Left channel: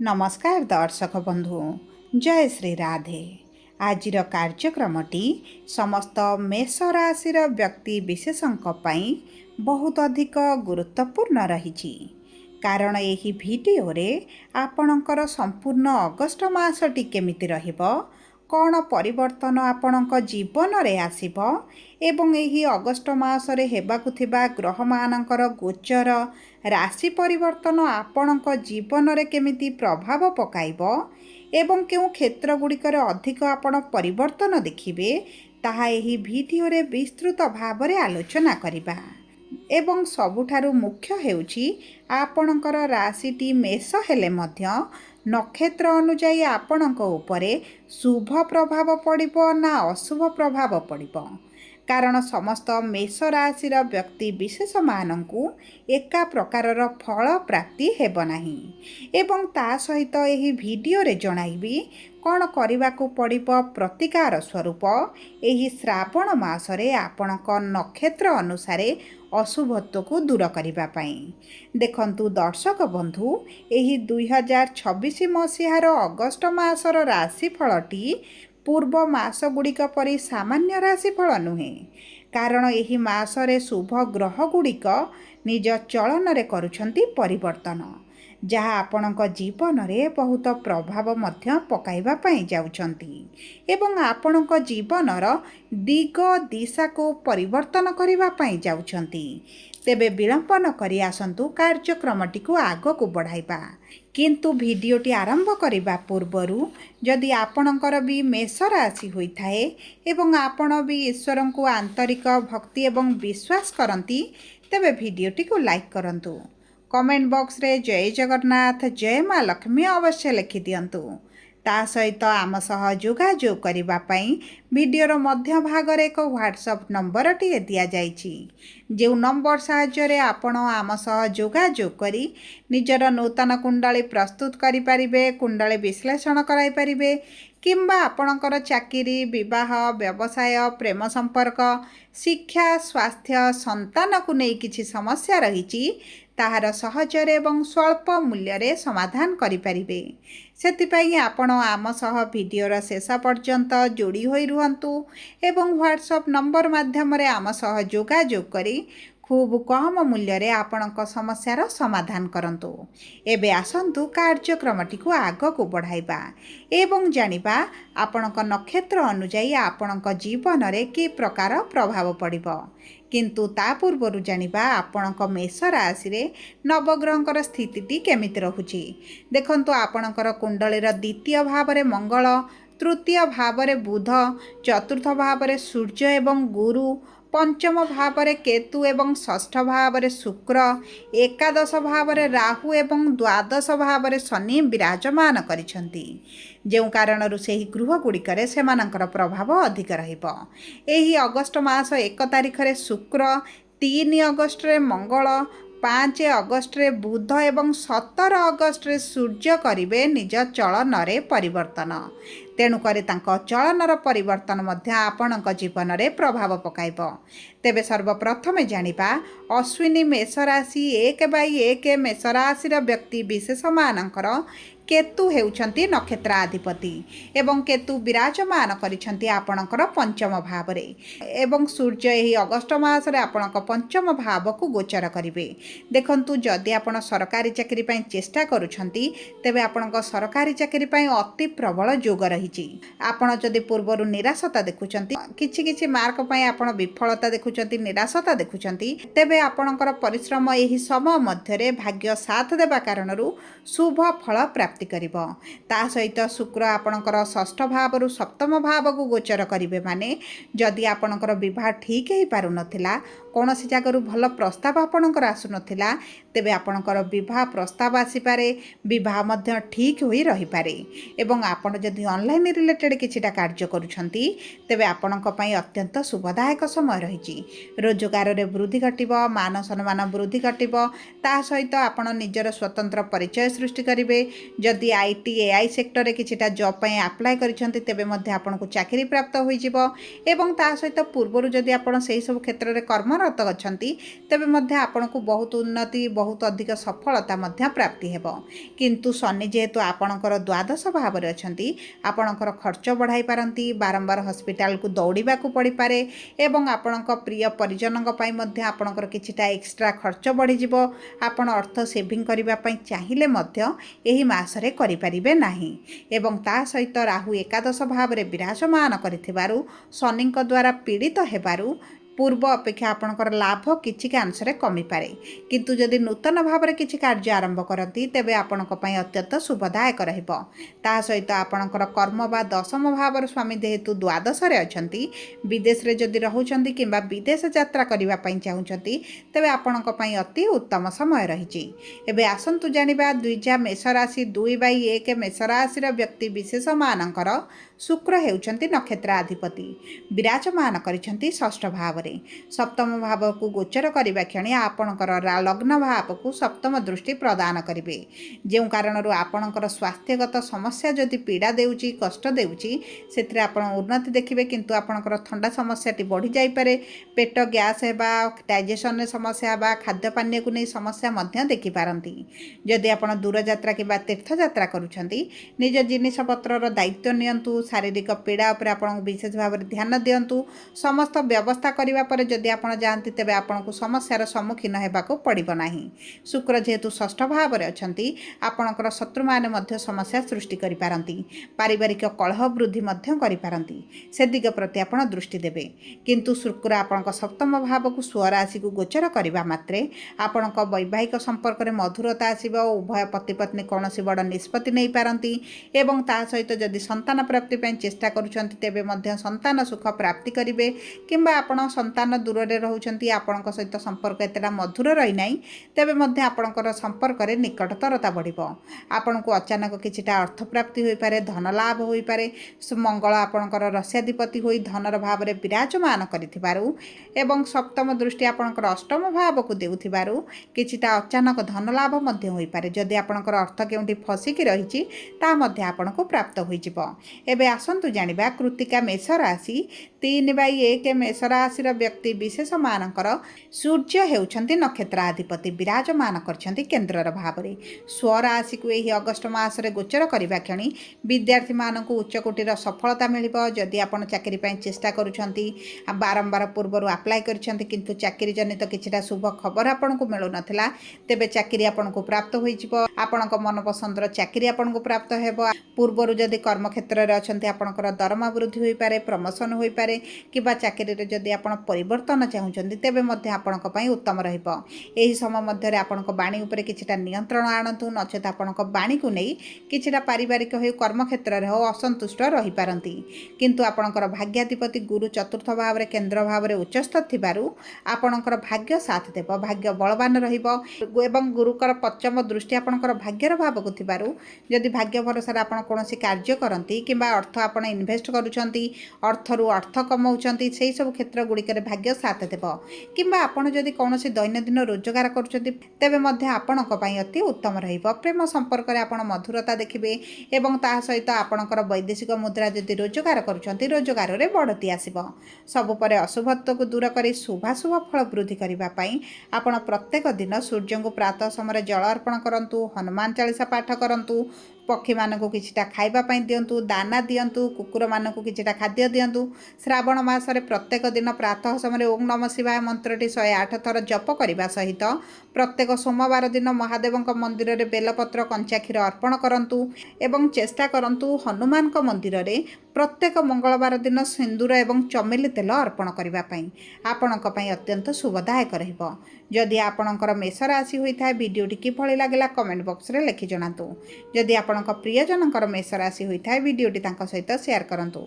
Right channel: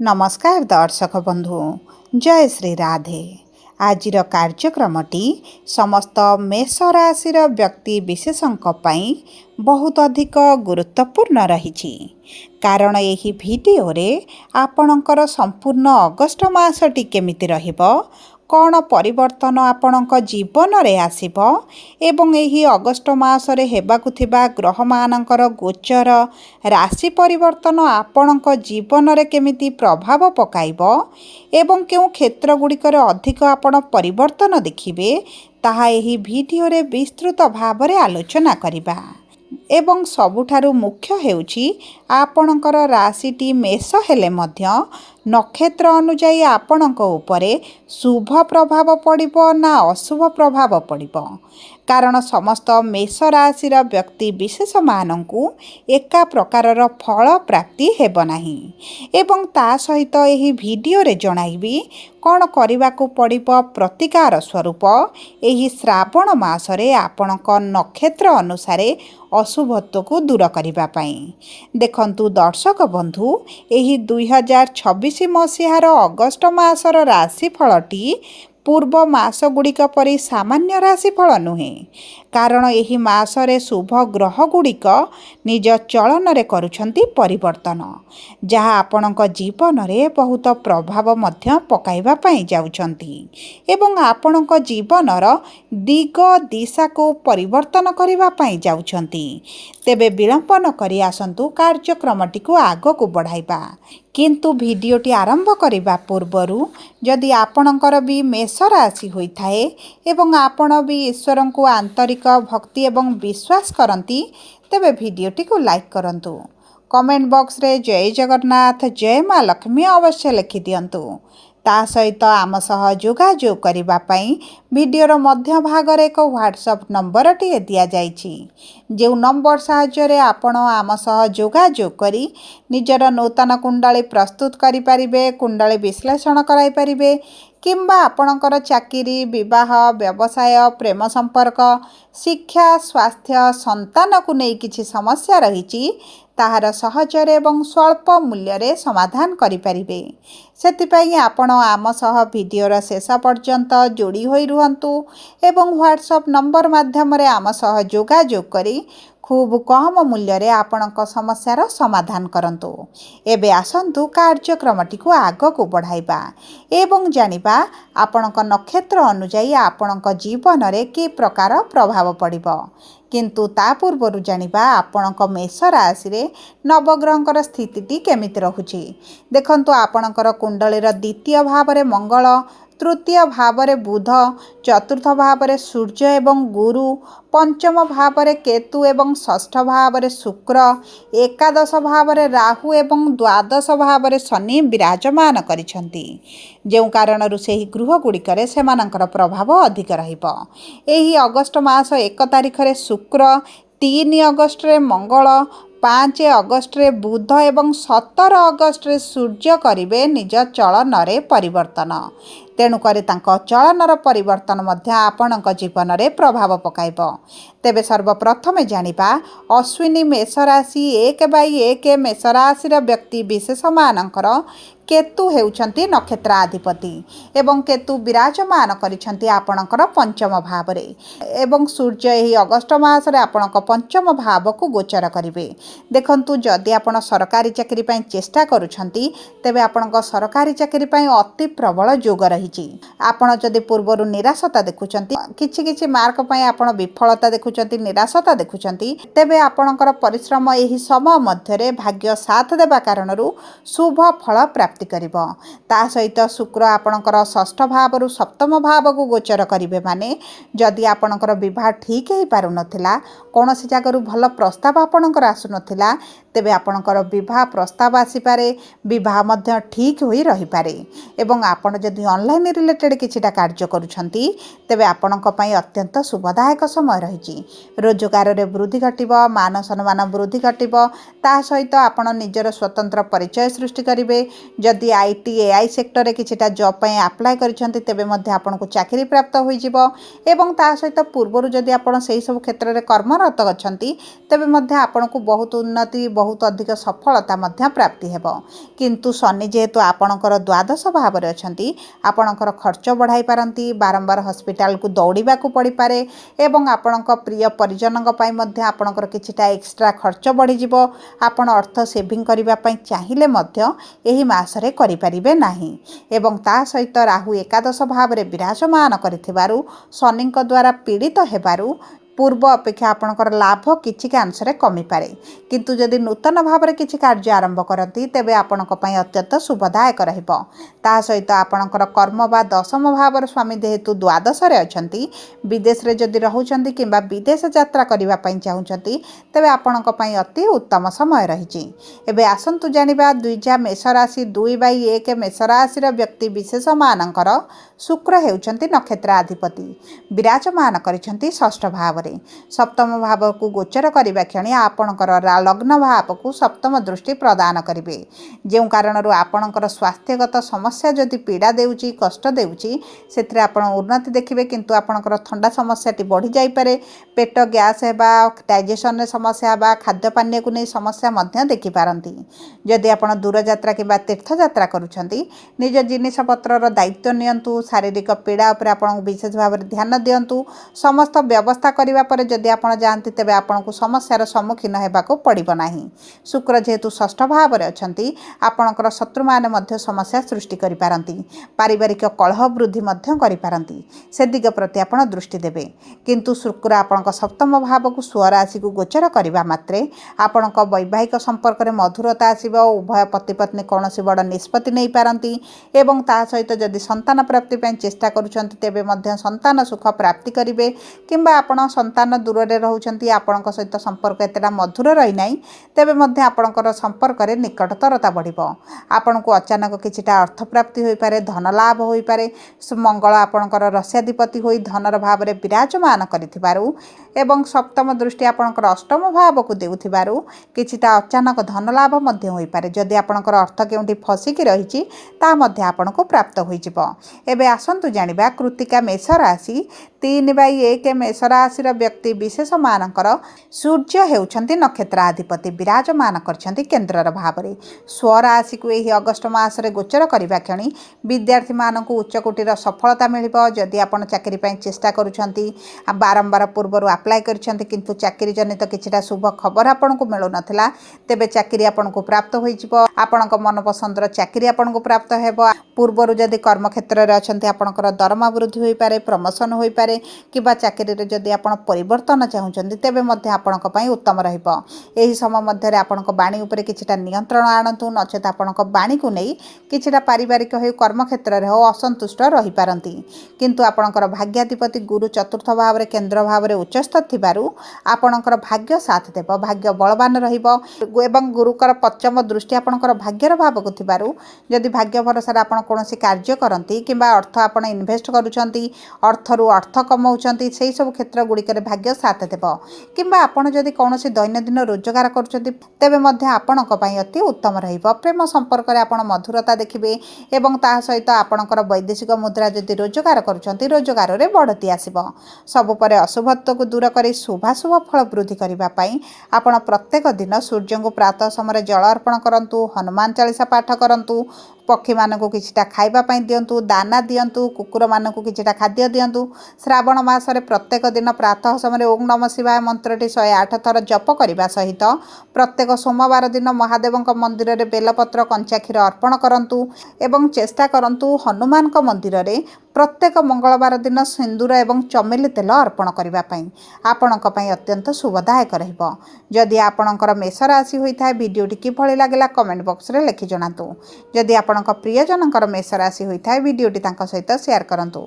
नमस्कार दर्शक बंधु जय श्री राधे। आजिर कार्यक्रमटी समस्त मेष राशिर व्यक्ति विशेषଙ୍କ ପାଇଁ बहुत अधिक गुरुत्वपूर्ण रही कारण यही भिडियोरे आपणकर संपूर्ण अगस्ट मासटी केमिति रहिबो कौन परिवर्तन आपणक जीवन रे आसिबो एवं एही अगस्ट मासरे हेबाकु थिबा ग्रह मानकर गोचर राशि परिवर्तन आपणक जीवन रे केमिति प्रभाव पकाइबो एवं केउ क्षेत्र गुड़िकर अधिक आपण परिवर्तन देखिबे ताहा एही भिडियोरे विस्तृत भावरे आलोचना करिबा। एवं सबुठारु मुख्य हेउची आपणकर राशिटी मेष हेले मध्य नक्षत्र अनुजाई आपणक उपरे शुभ प्रभाव पड़िबो ना अशुभ प्रभाव पड़िबो कारण समस्त मेष राशिर व्यक्ति विशेष मानंकु एका प्रकारर फल प्राप्ति हेब नाही एवं ता सहित एही भिडियो रे जणाइबी कौन करिबाकु पड़िबो प्रतिकार स्वरूप एही श्रावण मासरे आपणक नक्षत्र अनुसारे अशुभत्व को दूर करिबा पई। देखंतु दर्शक बंधु एही 2026 मसीहार अगस्ट मासर राशिफलटी पूर्व मास गुड़िक परि सामान्य राशिफल नुहे कारण एही मासरे शुभ ग्रह गुड़िक निज चलन रे करुछंती परिवर्तन जहाँ आपणक जीवन रे बहुत प्रभाव मध्य पकाइबा पई जाउछंती एवं आपणक जीवनर दिग दिशा को परिवर्तन करिबा पई जाउछंती। तेबे विलंब न करि आसंतु कार्यक्रमटी को आग को बढ़ाइबा किंतु भिडियोटी आरंभ करिबा पूर्वरु जदि आपणकर भी मेष राशि होइथाए एवं आपण भी ईश्वर को आंतरिक भक्ति एवं विश्वास करती तेबे भिडियोटी को लाइक करंतु कमेंट बॉक्स रे जय जगन्नाथ जय माँ लक्ष्मी अवश्य लिखि दियंतु ता सहित आम सह जोगाजोग करिबा पई वीडियोर मध्य भागर एक व्हाट्सएप नंबर टी दिया जाइछि जो नंबर साहाय्य आपण आम सह जोगाजोग करी निजर नूतन कुंडली प्रस्तुत करि परिबे कुंडली विश्लेषण कराई परिबे किंबा आपणकर चाकरी विवाह व्यवसाय प्रेम संपर्क शिक्षा स्वास्थ्य संतान को नहीं किछि समस्या रही ताहार सहजरे एवं स्वल्प मूल्य रे समाधान करि परिबे सेतिपई आपण आम सह वीडियोर शेष पर्यंत जोड़ी होई रुहंतु एवं व्हाट्सएप नंबर माध्यम रे आम सह जोगाजोग करी खूब कम मूल्य रे आपणक समस्यार समाधान करंतु। एबे आसंतु कार्यक्रमटी को आग को बढ़ाइबा एवं जानिबा आपणक नक्षत्र अनुजाई आपणक जीवन रे कि प्रकार प्रभाव पड़िबो किंतु ता पूर्वरु जानिबा आपणक मेष राशि रे नवग्रहंकर स्थितिटी केमिति रहुछि। देखंतु आपणकर कुंडलीर द्वितीय भाव रे मंगल तृतीय भाव रे बुध चतुर्थ भाव रे सूर्य एवं गुरु पंचम भाव रे केतु एवं षष्ठ भाव रे शुक्र एकादश भाव रे राहु एवं द्वादश भाव रे शनि विराजमान करिछंती जेउ कारणरु सेही गृह गुड़िकरे सेमानंकर प्रभाव अधिक रहिबो। एही अगस्ट मास 1 तारिख रे शुक्र 3 अगस्ट रे मंगल 5 अगस्ट रे बुध एवं 17 अगस्ट रे सूर्य करिवे निज चलन रे परिवर्तन तेणुकर चलनर परिवर्तन मध्य आपणक जीवन रे प्रभाव पकाइब। तेबे सर्वप्रथमे जानिबा अश्विनी मेष राशि 1/1 मेष राशिर व्यक्ति विशेष मानकर केतु हेउछंती नक्षत्राधिपति एवं केतु विराजमान करिछंती आपणकर पंचम भाव रे एवं सूर्य एही अगस्ट मास रे आपणक पंचम भाव को गोचर करिवे। देखंतु जदि आपण सरकारी चाकरी पई चेष्टा करूछंती तेबे आपणक सरकारी चाकरी पई अति प्रबल योग रहिछि। आपण जदि पूर्वरु निराशता देखुछंती किछि किछि मार्क पई आपण विफलता देखुछंती निराशता देखुछंती तेबे आपणकर परिश्रम एही समय मध्य रे भाग्य साथ देबा कारणरू शुभ फल प्राप्ति करिबो। ता सहित शुक्र आपणकर षष्ठ भाव रु सप्तम भाव को गोचर करिवे माने जदि आपणकर विवाह ठीक हे पारु नथिला कोनोसी जागरु भल प्रस्ताव आपणकर आसु नथिला तेबे आपणकर विवाह प्रस्ताव आसी पारे विवाह मध्य ठीक होई रही पारे एवं आपण जदि ऑनलाइन रिलेटेड किछिटा कार्य करूछंती तेबे आपणक पई अत्यंत शुभदायक समय रहिछि। रोजगार रे वृद्धि घटिबो मान सम्मान वृद्धि घटिबो ता सहित आपण निजर स्वतंत्र परिचय सृष्टि करिवे। जदि आईटी एआई सेक्टर रे किछिटा जॉब पई अप्लाई करिछंती तेबे मध्य आपणको चाकरी प्राप्त होई जिवो एवं ता सहित पूर्वरु जदि आपण सेही सब क्षेत्र रे कर्मरत अछंती तेबे मध्य आपणको बहुत उन्नति ବହୁତ ଅଧିକ ସଫଳତା ମଧ୍ୟ ପ୍ରାପ୍ତି ହେବ। କିନ୍ତୁ ଶନି ଯେହେତୁ ଆପଣଙ୍କର ଦ୍ୱାଦଶ ଭାବରେ ଅଛନ୍ତି, ଆପଣଙ୍କର ଖର୍ଚ୍ଚ ବଢ଼ାଇ ପାରନ୍ତି, ବାରମ୍ବାର ହସ୍ପିଟାଲକୁ ଦୌଡ଼ିବାକୁ ପଡ଼ିପାରେ ଏବଂ ଆପଣଙ୍କ ପ୍ରିୟ ପରିଜନଙ୍କ ପାଇଁ ମଧ୍ୟ ଆପଣଙ୍କର କିଛିଟା ଏକ୍ସଟ୍ରା ଖର୍ଚ୍ଚ ବଢ଼ିଯିବ। ଆପଣ ଅର୍ଥ ସେଭିଂ କରିବା ପାଇଁ ଚାହିଁଲେ ମଧ୍ୟ ଏହି ମାସରେ କରିପାରିବେ ନାହିଁ। ଏବଂ ତା ସହିତ ରାହୁ ଏକାଦଶ ଭାବରେ ବିରାଜମାନ କରିଥିବାରୁ ଶନିଙ୍କ ଦ୍ୱାରା ପୀଡ଼ିତ ହେବାରୁ ପୂର୍ବ ଅପେକ୍ଷା ଆପଣଙ୍କର ଲାଭ କିଛିକା ଅଂଶରେ କମିପାରେ। କିନ୍ତୁ ଯଦି ନୂତନ ଭାବରେ କିଛି କାର୍ଯ୍ୟ ଆରମ୍ଭ କରନ୍ତି ତେବେ ଆପଣଙ୍କ ପାଇଁ ଅତ୍ୟନ୍ତ ଶୁଭଦାୟକ ରହିବ। ତା ସହିତ ଆପଣଙ୍କର କର୍ମ ବା ଦଶମ ଭାବର ସ୍ୱାମୀ ଯେହେତୁ ଦ୍ୱାଦଶରେ ଅଛନ୍ତି, ବିଦେଶରେ ଯଦି ରହୁଛନ୍ତି କିମ୍ବା ବିଦେଶ ଯାତ୍ରା କରିବା ପାଇଁ ଚାହୁଁଛନ୍ତି ତେବେ ଆପଣଙ୍କ ପାଇଁ ଅତି ଉତ୍ତମ ସମୟ ରହିଛି। ଏବେ ଆସନ୍ତୁ ଜାଣିବା ଦ୍ୱିଜା ମେଷ ରାଶି 2/1 ମେଷ ରାଶିର ବ୍ୟକ୍ତି ବିଶେଷମାନଙ୍କର ଶୁକ୍ର ହେଉଛନ୍ତି ନକ୍ଷତ୍ରାଧିପତି, ବିରାଜମାନ କରିଛନ୍ତି ଷଷ୍ଠ ଭାବରେ। ସପ୍ତମ ଭାବକୁ ଗୋଚର କରିବା କ୍ଷଣି ଆପଣଙ୍କର ଲଗ୍ନ ଭାବକୁ ସପ୍ତମ ଦୃଷ୍ଟି ପ୍ରଦାନ କରିବେ। ଯେଉଁ କାରଣରୁ ଆପଣଙ୍କର ସ୍ୱାସ୍ଥ୍ୟଗତ ସମସ୍ୟା ଯଦି ପୀଡ଼ା ଦେଉଛି, କଷ୍ଟ ଦେଉଛି, ସେଥିରେ ଆପଣ ଉନ୍ନତି ଦେଖିବେ। କିନ୍ତୁ ଆପଣଙ୍କର ଥଣ୍ଡା ସମସ୍ୟାଟି ବଢ଼ିଯାଇପାରେ, ପେଟ ଗ୍ୟାସ୍ ହେବା, ଡାଇଜେସନରେ ସମସ୍ୟା ହେବା, ଖାଦ୍ୟପାନୀୟକୁ ନେଇ ସମସ୍ୟା ମଧ୍ୟ ଦେଖିପାରନ୍ତି। ଯଦି ଆପଣ ଦୂରଯାତ୍ରା କିମ୍ବା ତୀର୍ଥଯାତ୍ରା କରୁଛନ୍ତି, ନିଜ ଜିନିଷପତ୍ରର ଦାୟିତ୍ୱ ନିଅନ୍ତୁ। ଶାରୀରିକ ପୀଡ଼ା ଉପରେ ଆପଣଙ୍କୁ ବିଶେଷ ଭାବରେ ଧ୍ୟାନ ଦିଅନ୍ତୁ। ସମସ୍ତ ବ୍ୟବସ୍ଥା କରିବା ପରେ ଯଦି ଆପଣ ଯାଆନ୍ତି ତେବେ ଆପଣଙ୍କୁ ସମସ୍ୟାର ସମ୍ମୁଖୀନ ହେବାକୁ ପଡ଼ିବ ନାହିଁ। ଶୁକ୍ର ଯେହେତୁ ଷଷ୍ଠ ଭାବରେ ଅଛନ୍ତି, ଆପଣଙ୍କର ଶତ୍ରୁମାନେ ମଧ୍ୟ ସମସ୍ୟା ସୃଷ୍ଟି କରିପାରନ୍ତି, ପାରିବାରିକ କଳହ ବୃଦ୍ଧି ମଧ୍ୟ କରିପାରନ୍ତି। ସେ ଦିଗ ପ୍ରତି ଆପଣ ଦୃଷ୍ଟି ଦେବେ। କିନ୍ତୁ ଶୁକ୍ର ଆପଣଙ୍କ ସପ୍ତମ ଭାବକୁ ସ୍ୱରାଶିକୁ ଗୋଚର କରିବା ମାତ୍ରେ ଆପଣଙ୍କ ବୈବାହିକ ସମ୍ପର୍କରେ ମଧୁରତା ଆସିବ। ଉଭୟ ପତି ପତ୍ନୀ କୌଣସି ବଡ଼ ନିଷ୍ପତ୍ତି ନେଇପାରନ୍ତି ଏବଂ ତା ସହିତ ଯଦି ସନ୍ତାନ ପ୍ରାପ୍ତି ପାଇଁ ଚେଷ୍ଟା କରୁଛନ୍ତି ତେବେ ମଧ୍ୟ ସନ୍ତାନ ସୁଖ ପ୍ରାପ୍ତି କରିବେ। କିମ୍ବା ଆପଣ ସନ୍ତାନ ଦୂରରେ ରହୁଛନ୍ତି, ଆପଣଙ୍କ ସହିତ ସମ୍ପର୍କ ଏତେଟା ମଧୁର ରହିନାହିଁ, ତେବେ ମଧ୍ୟ ଆପଣଙ୍କର ସମ୍ପର୍କରେ ନିକଟତରତା ବଢ଼ିବ। ଆପଣଙ୍କୁ ଅଚାନକ କିଛିଟା ଅର୍ଥପ୍ରାପ୍ତି ହୋଇପାରେ, ଧନ ଲାଭ ହୋଇପାରେ। ମଙ୍ଗଳ ଆପଣଙ୍କର ରସ୍ୟାଧିପତି ହୋଇ ଧନର ଭାବରେ ବିରାଜମାନ କରିଥିବାରୁ ଏବଂ ସପ୍ତମ ଦୃଷ୍ଟି ଆପଣଙ୍କର ଅଷ୍ଟମ ଭାବକୁ ଦେଉଥିବାରୁ କିଛିଟା ଅଚାନକ ଧନ ଲାଭ ମଧ୍ୟ ହୋଇପାରେ। ଯଦି ଆପଣଙ୍କର ଅର୍ଥ କେଉଁଠି ଫସିକି ରହିଛି ତାହା ମଧ୍ୟ ଆପଣଙ୍କୁ ପ୍ରାପ୍ତ ହୋଇଯିବ। ଏବେ ଆସନ୍ତୁ ଜାଣିବା କୃତ୍ତିକା ମେଷ ରାଶି 3/1 ମେଷ ରାଶିର ବ୍ୟକ୍ତି ବିଶେଷମାନଙ୍କର ସୂର୍ଯ୍ୟ ହେଉଛନ୍ତି ନକ୍ଷତ୍ରାଧିପତି, ବିରାଜମାନ କରିଛନ୍ତି କେନ୍ଦ୍ରର ଭାବରେ। ସ୍ୱରାଶିକୁ ଏହି ଅଗଷ୍ଟ ମାସରେ ଗୋଚର କରିବା କ୍ଷଣି ବିଦ୍ୟାର୍ଥୀମାନଙ୍କୁ ଉଚ୍ଚକୋଟୀର ସଫଳତା ମିଳିବ। ଯଦି ଆପଣ ଚାକିରି ପାଇଁ ଚେଷ୍ଟା କରୁଛନ୍ତି, ବାରମ୍ବାର ପୂର୍ବରୁ ଆପ୍ଲାଏ କରିଛନ୍ତି କିନ୍ତୁ ଚାକିରି ଜନିତ କିଛିଟା ଶୁଭ ଖବର ଆପଣଙ୍କୁ ମିଳୁନଥିଲା, ତେବେ ଚାକିରି ଆପଣଙ୍କୁ ପ୍ରାପ୍ତ ହୋଇଯିବ। ଆପଣଙ୍କ ମନପସନ୍ଦର ଚାକିରି ଆପଣଙ୍କୁ ପ୍ରାପ୍ତ ହେବ। ପୂର୍ବରୁ ଯଦି କର୍ମକ୍ଷେତ୍ରରେ ଅଛନ୍ତି ଆପଣଙ୍କର ଦରମା ବୃଦ୍ଧି ହୋଇପାରେ, ପ୍ରମୋସନ୍ ହୋଇପାରେ କିମ୍ବା ଚାକିରିରେ ଯଦି ଆପଣ ପରିବର୍ତ୍ତନ ଚାହୁଁଛନ୍ତି ତେବେ ମଧ୍ୟ ଆପଣଙ୍କ ପାଇଁ ଉତ୍ତମ ରହିବ। ଏହି ସମୟ ମଧ୍ୟରେ ଆପଣଙ୍କ ବାଣୀ ଉପରେ କିଛିଟା ନିୟନ୍ତ୍ରଣ ଆଣନ୍ତୁ, ନଚେତ୍ ଆପଣଙ୍କ ବାଣୀକୁ ନେଇ କିଛିଟା ପାରିବାରିକ ହେଉ, କର୍ମକ୍ଷେତ୍ରରେ ହେଉ ଅସନ୍ତୁଷ୍ଟ ରହିପାରନ୍ତି। କିନ୍ତୁ ଆପଣଙ୍କର ଭାଗ୍ୟାଧିପତି ଗୁରୁ ଚତୁର୍ଥ ଭାବରେ କେନ୍ଦ୍ର ଭାବରେ ଉଚ୍ଚସ୍ଥ ଥିବାରୁ ଆପଣଙ୍କର ଭାଗ୍ୟ ସାଥ ଦେବ, ଭାଗ୍ୟ ବଳବାନ ରହିବ ଏବଂ ଗୁରୁଙ୍କର ପଞ୍ଚମ ଦୃଷ୍ଟି ଆପଣଙ୍କର ଭାଗ୍ୟର ଭାବକୁ ଥିବାରୁ ଯଦି ଭାଗ୍ୟ ଭରସାରେ ଆପଣ କୌଣସି କାର୍ଯ୍ୟ କରନ୍ତି କିମ୍ବା ଅର୍ଥ ଆପଣ ଇନଭେଷ୍ଟ କରୁଛନ୍ତି, ଅର୍ଥରୁ ଅର୍ଥ କମାଉଛନ୍ତି, ସେହିସବୁ କ୍ଷେତ୍ର ଗୁଡ଼ିକରେ ଭାଗ୍ୟ ସାଥ ଦେବ। କିମ୍ବା ଆପଣ ଯଦି କୌଣସି ଦୈନନ୍ଦିନ ରୋଜଗାର କରୁଛନ୍ତି ତେବେ ମଧ୍ୟ ଆପଣଙ୍କ ପାଇଁ ଅତି ଉତ୍ତମ ରହିବ। ପ୍ରେମ ସମ୍ପର୍କରେ ଆପଣ ମଧୁରତା ଦେଖିବେ ଏବଂ ତାହା ସହିତ ଆପଣଙ୍କର ବୈଦେଶିକ ମୁଦ୍ରା ଯଦି ରୋଜଗାର କରୁଛନ୍ତି, ରୋଜଗାରରେ ବଢ଼ତି ଆସିବ। ସବୁ ପରେ ଅଶୁଭତ୍ୱକୁ ଦୂର କରି ଶୁଭାଶୁଭ ଫଳ ବୃଦ୍ଧି କରିବା ପାଇଁ ଆପଣ ପ୍ରତ୍ୟେକ ଦିନ ସୂର୍ଯ୍ୟଙ୍କୁ ପ୍ରାତଃ ସମୟରେ ଜଳ ଅର୍ପଣ କରନ୍ତୁ, ହନୁମାନ ଚାଳିଶା ପାଠ କରନ୍ତୁ, ପକ୍ଷୀମାନଙ୍କୁ କିଛିଟା ଖାଇବା ପାଇଁ ଦିଅନ୍ତୁ, ଦାନା ଦିଅନ୍ତୁ, କୁକୁରମାନଙ୍କୁ କିଛିଟା ଖାଦ୍ୟ ଦିଅନ୍ତୁ। ଶ୍ରାବଣ ମାସରେ ପ୍ରତ୍ୟେକ ଦିନ ପ୍ରାତଃ ସମୟରେ ଓଁ ନମଃ ଶିବାୟ ମନ୍ତ୍ରଟି 108 ଥର ଜପ କରିବା ସହିତ ପ୍ରତ୍ୟେକ ସୋମବାର ଦିନ ମହାଦେବଙ୍କ ମନ୍ଦିରରେ ବେଲପତ୍ର କଞ୍ଚା କ୍ଷୀର ଅର୍ପଣ କରନ୍ତୁ ଏବଂ ଚେଷ୍ଟା କରନ୍ତୁ ହନୁମାନଙ୍କ ମନ୍ଦିରରେ ପ୍ରତ୍ୟେକ ମଙ୍ଗଳବାର ଦିନ ସିନ୍ଦୁର ଏବଂ ଚମେଲି ତେଲ ଅର୍ପଣ କରିବା ପାଇଁ। ଆପଣଙ୍କ ପାଇଁ ଅତ୍ୟନ୍ତ ଶୁଭଦାୟକ ରହିବ। ଯଦି ଆପଣଙ୍କର ମେଷ ରାଶି ହୋଇଥାଏ, ଭିଡ଼ିଓଟି କିଭଳି ଲାଗିଲା କମେଣ୍ଟ ବକ୍ସରେ ଲେଖି ଜଣାନ୍ତୁ। ଯଦି ଆପଣଙ୍କ ପ୍ରିୟଜନଙ୍କର ମେଷ ରାଶି ହୋଇଥାଏ, ଭିଡ଼ିଓଟି ତାଙ୍କ ସହିତ ସେୟାର କରନ୍ତୁ।